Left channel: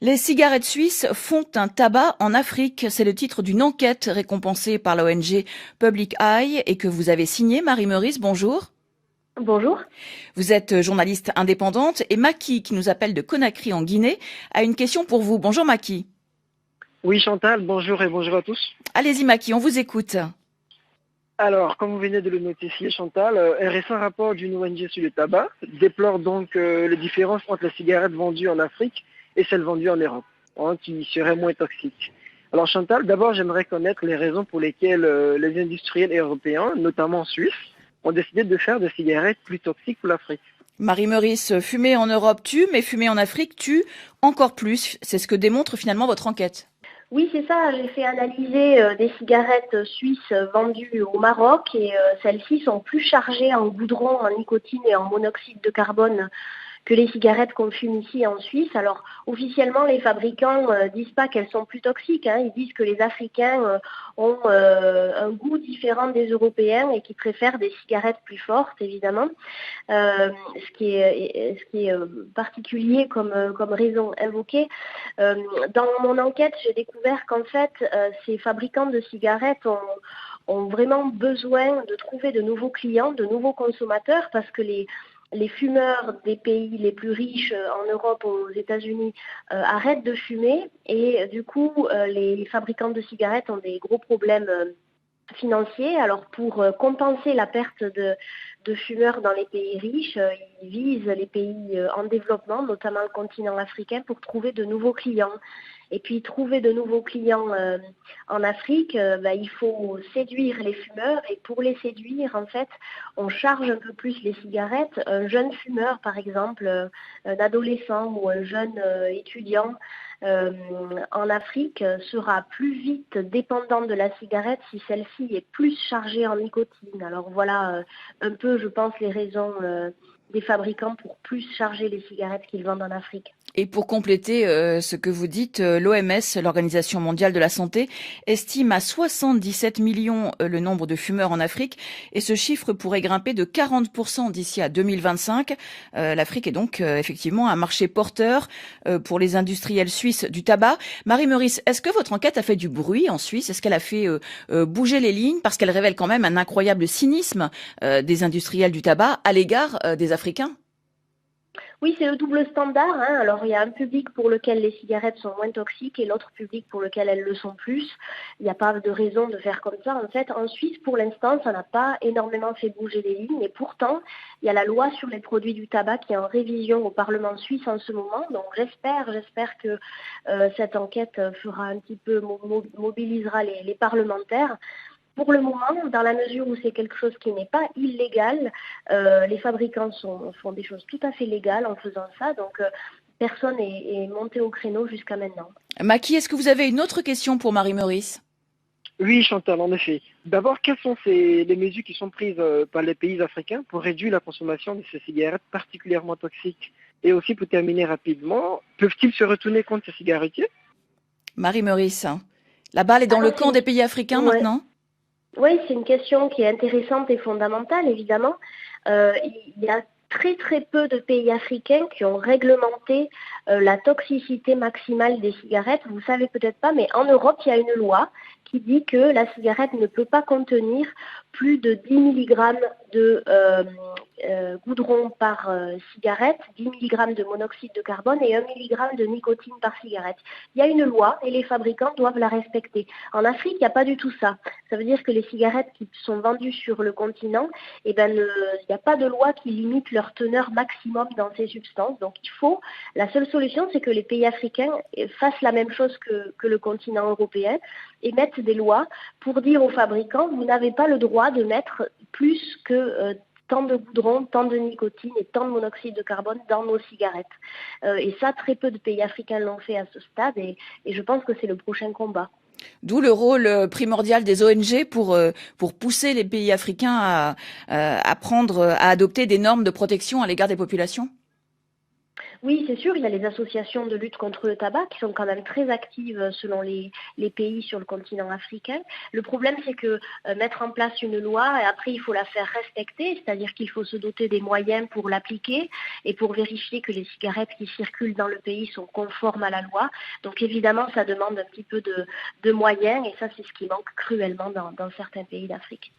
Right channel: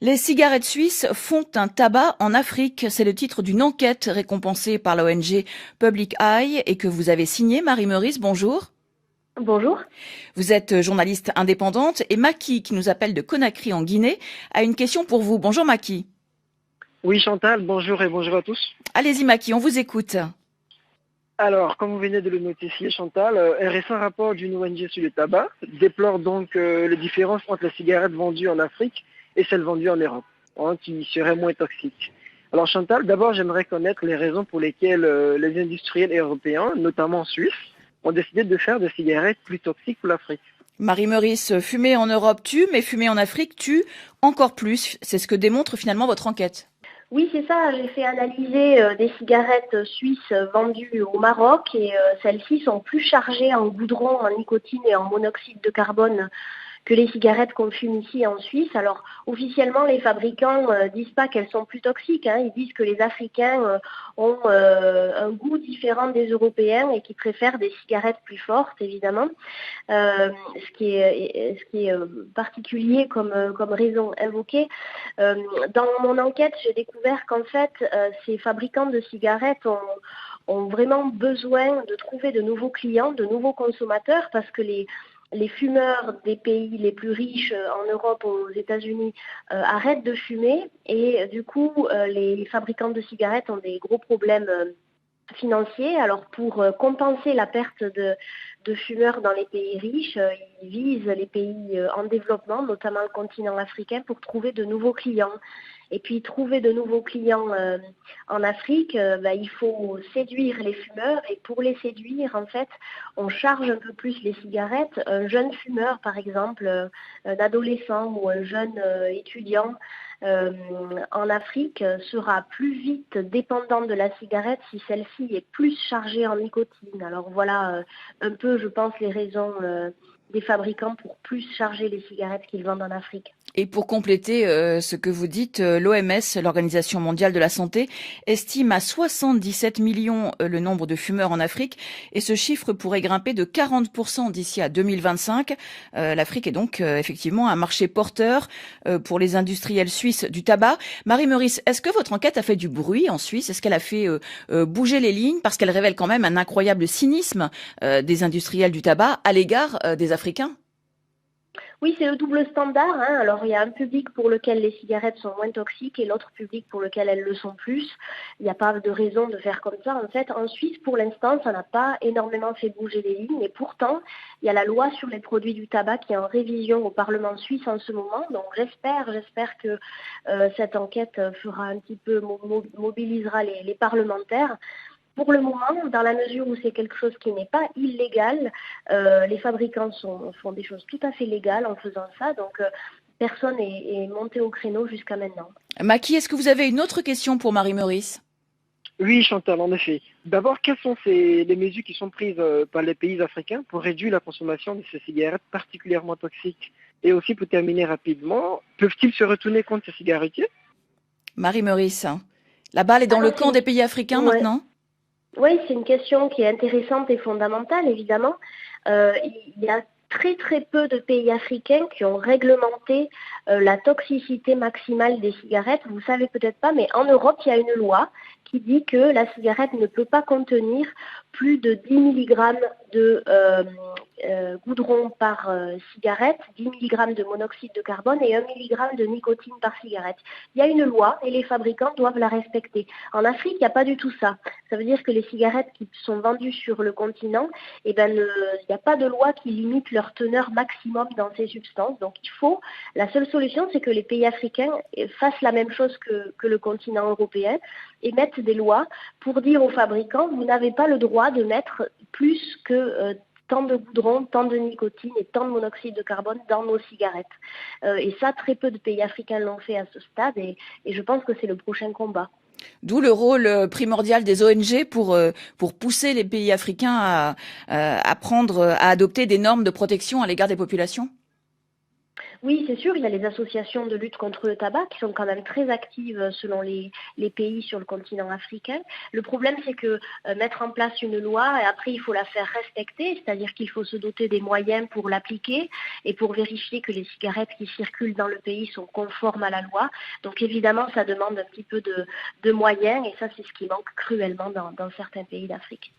Les cigarettes suisses font un tabac en Afrique. C'est le titre d'une enquête récompensée par l'ONG Public Eye et que vous avez signée. Marie Meurice, bonjour. Bonjour. Vous êtes journaliste indépendante et Maki, qui nous appelle de Conakry en Guinée, a une question pour vous. Bonjour Maki. Oui Chantal, bonjour et bonjour à tous. Allez-y Maki, on vous écoute. Alors, comme vous venez de le notifier Chantal, un récent rapport d'une ONG sur le tabac déplore donc les différences entre les cigarettes vendues en Afrique et celles vendues en Europe, qui seraient moins toxiques. Alors Chantal, d'abord j'aimerais connaître les raisons pour lesquelles les industriels européens, notamment suisses, ont décidé de faire des cigarettes plus toxiques pour l'Afrique. Marie Meurice, fumer en Europe tue, mais fumer en Afrique tue encore plus. C'est ce que démontre finalement votre enquête. Oui, c'est ça. J'ai fait analyser des cigarettes suisses vendues au Maroc et celles-ci sont plus chargées en goudron, en nicotine et en monoxyde de carbone que les cigarettes qu'on fume ici en Suisse. Alors, officiellement, les fabricants disent pas qu'elles sont plus toxiques. Ils disent que les Africains ont un goût différent des Européens et qu'ils préfèrent des cigarettes plus fortes, évidemment. Ce qui est particulier comme raison invoquée. Dans mon enquête, j'ai découvert qu'en fait, ces fabricants de cigarettes ont vraiment besoin de trouver de nouveaux clients, de nouveaux consommateurs, parce que les fumeurs des pays les plus riches en Europe ou aux États-Unis arrêtent de fumer et du coup les fabricants de cigarettes ont des gros problèmes financiers. Alors pour compenser la perte de fumeurs dans les pays riches, ils visent les pays en développement, notamment le continent africain, pour trouver de nouveaux clients. Et puis trouver de nouveaux clients en Afrique, il faut séduire les fumeurs. Et pour les séduire, en fait, on charge un peu plus les cigarettes. Un jeune fumeur, par exemple, un adolescent ou un jeune étudiant en Afrique sera plus vite dépendant de la cigarette si celle-ci est plus chargée en nicotine. Alors voilà un peu, je pense, les raisons des fabricants pour plus charger les cigarettes qu'ils vendent en Afrique. Et pour compléter ce que vous dites, l'OMS, l'Organisation mondiale de la santé, estime à 77 millions le nombre de fumeurs en Afrique et ce chiffre pourrait grimper de 40% d'ici à 2025. L'Afrique est donc effectivement un marché porteur pour les industriels suisses du tabac. Marie Meurice, est-ce que votre enquête a fait du bruit en Suisse? Est-ce qu'elle a fait bouger les lignes? Parce qu'elle révèle quand même un incroyable cynisme des industriels du tabac à l'égard des Africains. Oui, c'est le double standard. Alors, il y a un public pour lequel les cigarettes sont moins toxiques et l'autre public pour lequel elles le sont plus. Il n'y a pas de raison de faire comme ça. En fait, en Suisse, pour l'instant, ça n'a pas énormément fait bouger les lignes. Et pourtant, il y a la loi sur les produits du tabac qui est en révision au Parlement suisse en ce moment. Donc, j'espère que cette enquête fera un petit peu, mobilisera les parlementaires. Pour le moment, dans la mesure où c'est quelque chose qui n'est pas illégal, les fabricants font des choses tout à fait légales en faisant ça, donc personne n'est monté au créneau jusqu'à maintenant. Maki, est-ce que vous avez une autre question pour Marie Meurice? Oui Chantal, en effet. D'abord, quelles sont les mesures qui sont prises par les pays africains pour réduire la consommation de ces cigarettes particulièrement toxiques? Et aussi, pour terminer rapidement, peuvent-ils se retourner contre ces cigarettiers? Marie Meurice, la balle est dans le camp des pays africains maintenant? Oui, c'est une question qui est intéressante et fondamentale, évidemment. Il y a très très peu de pays africains qui ont réglementé la toxicité maximale des cigarettes. Vous ne savez peut-être pas, mais en Europe, il y a une loi qui dit que la cigarette ne peut pas contenir plus de 10 mg de goudron par cigarette, 10 mg de monoxyde de carbone et 1 mg de nicotine par cigarette. Il y a une loi et les fabricants doivent la respecter. En Afrique, il n'y a pas du tout ça. Ça veut dire que les cigarettes qui sont vendues sur le continent, il n'y a pas de loi qui limite leur teneur maximum dans ces substances. Donc la seule solution, c'est que les pays africains fassent la même chose que le continent européen et mettent des lois pour dire aux fabricants, vous n'avez pas le droit de mettre plus que tant de goudron, tant de nicotine et tant de monoxyde de carbone dans nos cigarettes. Et ça, très peu de pays africains l'ont fait à ce stade et je pense que c'est le prochain combat. D'où le rôle primordial des ONG pour pousser les pays africains à adopter des normes de protection à l'égard des populations. Oui, c'est sûr, il y a les associations de lutte contre le tabac qui sont quand même très actives selon les pays sur le continent africain. Le problème, c'est que mettre en place une loi, et après, il faut la faire respecter, c'est-à-dire qu'il faut se doter des moyens pour l'appliquer et pour vérifier que les cigarettes qui circulent dans le pays sont conformes à la loi. Donc évidemment, ça demande un petit peu de moyens et ça, c'est ce qui manque cruellement dans certains pays d'Afrique.